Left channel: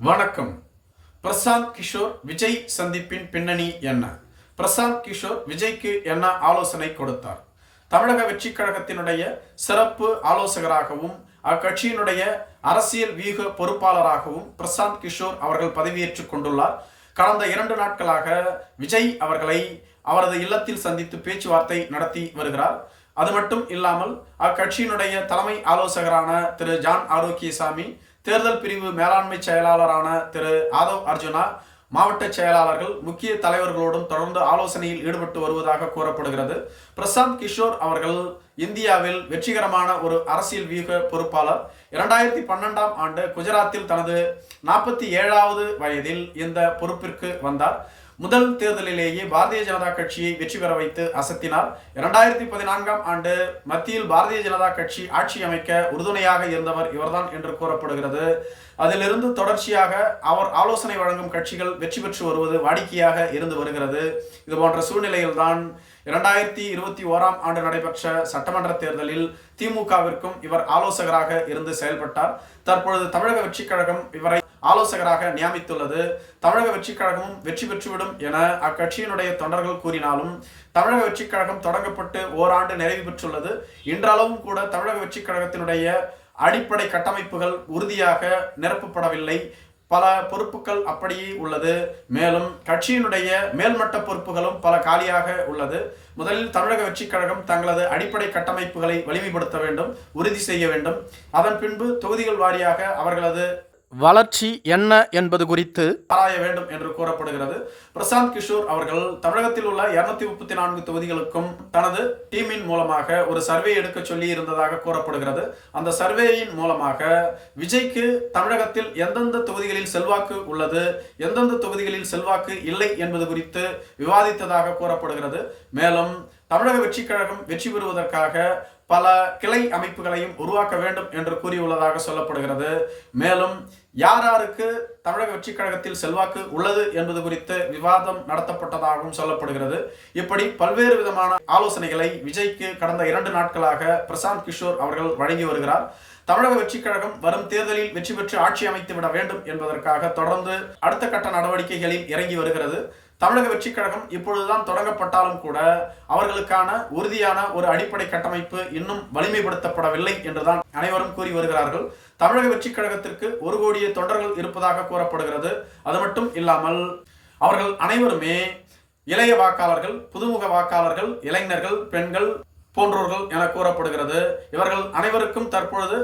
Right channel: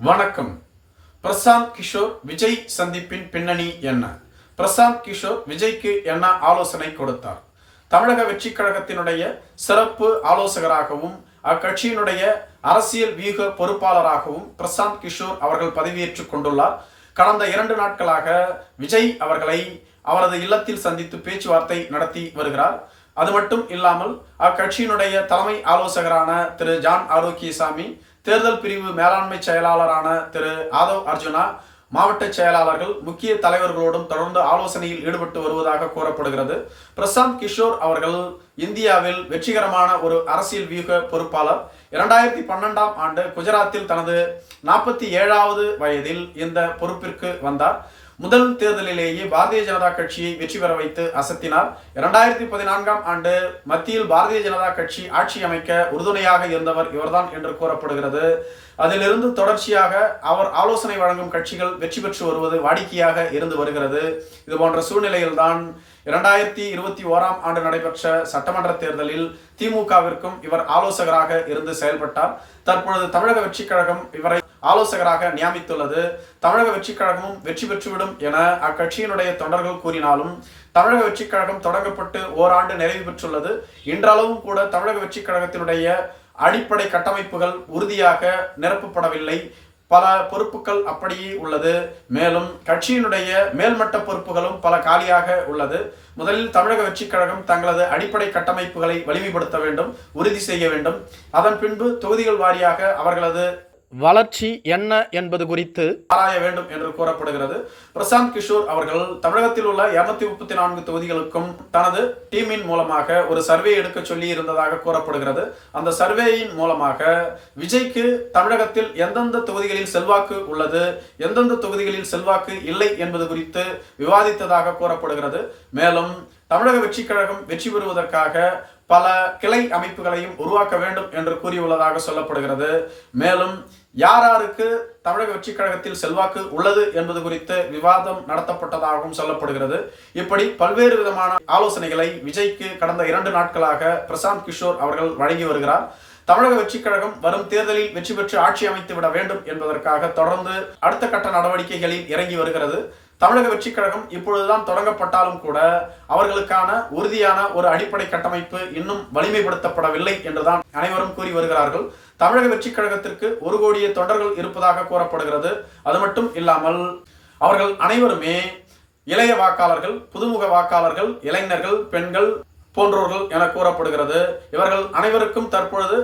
வணக்கம். பிரசாந்த் கிஷோர் விஜய் சந்திப்பின் பின்னணி என்ன? பிரசாந்த் கிஷோர் விஜய்க்கு என்ன ஆலோசனை கொடுத்தார்? தமிழக வெற்றி கழகத்தினுடைய சிறப்பு ஆலோசகராகவும் அக்கட்சியினுடைய அரசியல் வியூக பொறுப்பாளராகவும் பிரசாந்த் கிஷோர் அவர்கள் பதவியேற்றுக் கொண்டுள்ளார். கடந்த 2 நாட்களாக விஜய் அவர்களை அவரது இல்லத்தில் சந்தித்து பேச்சுவார்த்தை நடத்தி வருகிறார். அது மட்டும் இல்லாமல் அக்கட்சியினுடைய தலைமை ஆலோசகரான திரு ஜான் ஆரோக்கியசாமி, தேர்தல் பிரிவு மேலாண்மை செயலாளரான திரு ஆதவ் அர்ஜுனா, மாவட்ட செயலாளர்கள், முக்கிய தலைவர்களோடும் தொடர்ந்து ஆலோசனையில் ஈடுபட்டு வருவதாக கூறப்படுகிறது. பிரசாந்த் கிஷோர் அவர்கள் இந்தியாவில் வெற்றிகரமான ஒரு அரசியல் வியூக பொறுப்பாளர். 2012ஆம் ஆண்டு குஜராத்தில் தனது 47வது வயதில் இந்த பொறுப்பிற்கு வந்தார். முதல் தேர்தலிலேயே பாரதிய ஜனதா கட்சியை வெற்றி பெற வைத்து அசத்தினார். 2014ஆம் ஆண்டு மத்தியில் பாரதிய ஜனதா கட்சி ஆட்சி அமைக்க உறுதுணையாக இருந்தவர் இவர்தான் என்று கூறப்படுகிறது. அதிலிருந்து தொடர்ச்சியாக அவர் ஆலோசனை வழங்கும் கட்சிகள் வெற்றி பெற்று வருவது வாடிக்கையாக இருந்து வருகிறது. இது போன்ற சூழ்நிலையில்தான் 2021ஆம் ஆண்டு நடைபெற்ற சட்டமன்ற தேர்தலில் திமுகவிற்கும் இவர் ஆலோசகராக இருந்து செயல்பட்டார். தற்பொழுது தமிழக வெற்றி கழகம் இவரை ஆலோசகராக நியமித்துள்ளது. தமிழக வெற்றி கழகமும் வெற்றி பெற்றுவிடும் என அக்கட்சியினுடைய தொண்டர்கள் கூறினாலும் தமிழக வெற்றி கழகம் தொடங்கப்பட்டு ஓராண்டு நிறைவு பெற்றுள்ளது. இன்றளவும் கூட தமிழக வெற்றி கழகத்தினுடைய அடிப்படை கட்டமைப்புகள் உறுதியாக நிரப்பப்படவில்லை. பல பொறுப்புகள் அப்படியே உள்ளது. மேலும் கட்சியினுடைய மேல்மட்ட பொறுப்புகளும் பல காலியாக உள்ளது. முதலில் தமிழக வெற்றி கழகம் தங்களது அடிப்படை கட்டமைப்புகளை வலிமைப்படுத்த வேண்டும், உறுதி செய்ய வேண்டும். அதன் பின்பு தொகுதிகள் வாரியாக அவர்களது வளர்ச்சி என்ன என்பது குறித்து ஆராய வேண்டும் என்று கூறப்படுகிறது. பிரசாந்த் கிஷோர் அவர்கள் தமிழகத்தில் உள்ள 234 தொகுதிகளுக்கும் தனது டீமின் மூலமாக ஒரு சர்வே எடுக்க சொல்லி இருந்ததாக கூறப்படுகிறது. அந்த சர்வேயின் மூலமாக விஜய்க்கு தமிழகத்தில் எந்தெந்த தொகுதிகளில் செல்வாக்கு உள்ளது, எந்தெந்த தொகுதிகளில் செல்வாக்கு இல்லை என்பது குறித்து விவாதித்ததாக கூறப்படுகிறது. மேலும் தமிழக வெற்றி கழகம் வெற்றி பெறுவதற்காக பல கிளை அமைப்புகளையும் உருவாக்க வேண்டும் என்று கூறியுள்ளதாக சொல்லப்படுகிறது. மேலும் யாருக்கு தமிழக வெற்றி கழகத்தில் செல்வாக்கு உள்ளது என்பது குறித்து விவாதம் நடத்தப்பட்டதாகவும் சொல்லப்படுகிறது. இப்படி பல்வேறு விதமான ஆலோசனைகளை விஜய்க்கு கடந்த 2 நாட்களாக பிரசாந்த் கிஷோர் அவர்கள் வழங்கி வருகிறார். தமிழக வெற்றி கழகம் வரும் தேர்தலில் வெற்றி பெற்று ஆட்சி அமைத்து விட வேண்டும் என்பதற்காக தொடர்ந்து அடுத்த கட்ட நடவடிக்கைகளில் இறங்கி வருகிறது. தமிழக வெற்றி கழகம் இப்பொழுதுதான் தொடங்கப்பட்டாலும் கூட அவர்களுக்கான உறுதியான ஒரு அடிப்படை கட்டமைப்பு இன்னும் வலிமைப்படுத்தப்படவில்லை என்றுதான் அனைவரும் கூறி வருகிறார்கள். தமிழக வெற்றி கழகத்திற்கு 1 கோடியே தொண்டர்கள் இருப்பதாக கூறப்படுகிறது. அது மட்டும் இல்லாமல் அவர்கள் அனைவருமே இளைய வாக்காளர்கள், புதுமுக வாக்காளர்கள், இளைஞர்கள், பெண்கள் போன்றோர்கள் என கூறப்படுகிறது. இவர்கள் அனைவருக்கும் தற்பொழுது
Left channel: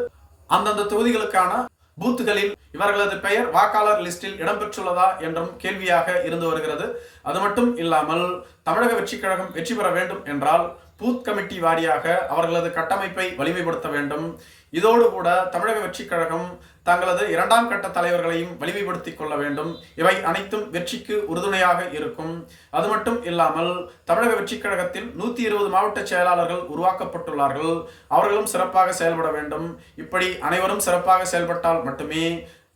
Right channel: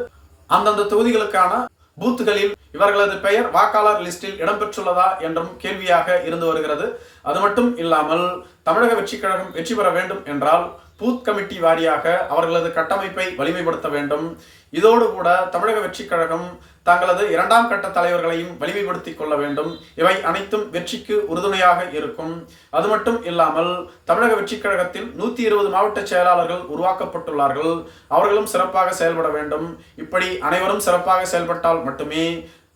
அந்தந்த தொகுதிகளுக்கான பூத்துகளில் இவர்களது பெயர் வாக்காளர் லிஸ்டில் இடம்பெற்றுள்ளதா என்றும் கேள்வியாக இருந்து வருகிறது. அது மட்டும் இல்லாமல் தமிழக வெற்றி கழகம் வெற்றி பெற வேண்டும் என்றால் பூத் கமிட்டி வாரியாக அவர்களது கட்டமைப்பை வலிமைப்படுத்த வேண்டும். இதோடு கூட தமிழக வெற்றி கழகம் தங்களது 2ஆம் கட்ட தலைவர்களையும் வலிமைப்படுத்திக் கொள்ள வேண்டும். இவை அனைத்தும் வெற்றிக்கு உறுதுணையாக இருக்கும். அது மட்டும் இல்லாமல் தமிழக வெற்றி கழகத்தில் 120 மாவட்ட செயலாளர்கள் உருவாக்கப்பட்டுள்ளார்கள். அவர்களும் சிறப்பாக செயல்பட வேண்டும். இப்படி அனைவரும் சிறப்பாக செயல்பட்டால் மட்டுமே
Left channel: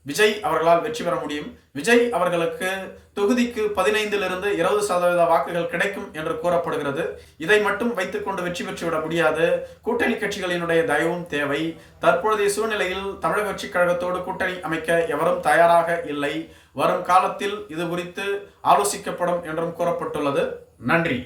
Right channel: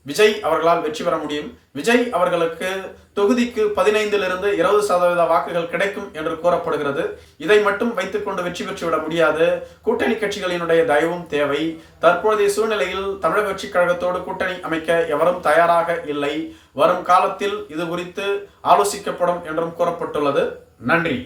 விஜய் அவர்களால் வெற்றி பெற முடியும். விஜய் அவர்களுக்கு தொகுதிக்கு 15லிருந்து 20% வாக்குகள் கிடைக்கும் என்று கூறப்படுகிறது. இதை மட்டும் வைத்துக்கொண்டு வெற்றி பெற்றுவிட முடியாது. கூட்டணி கட்சிகளினுடைய தயவும் தேவை. தற்பொழுதைய சூழ்நிலையில் தமிழக வெற்றி கழகத்தோடு கூட்டணி அமைக்க எவரும் தயாராக இல்லை. வரும் காலத்தில் இது குறித்து ஆலோசிக்கப்படும் என்றும் கூறப்பட்டுள்ளது. நன்றி.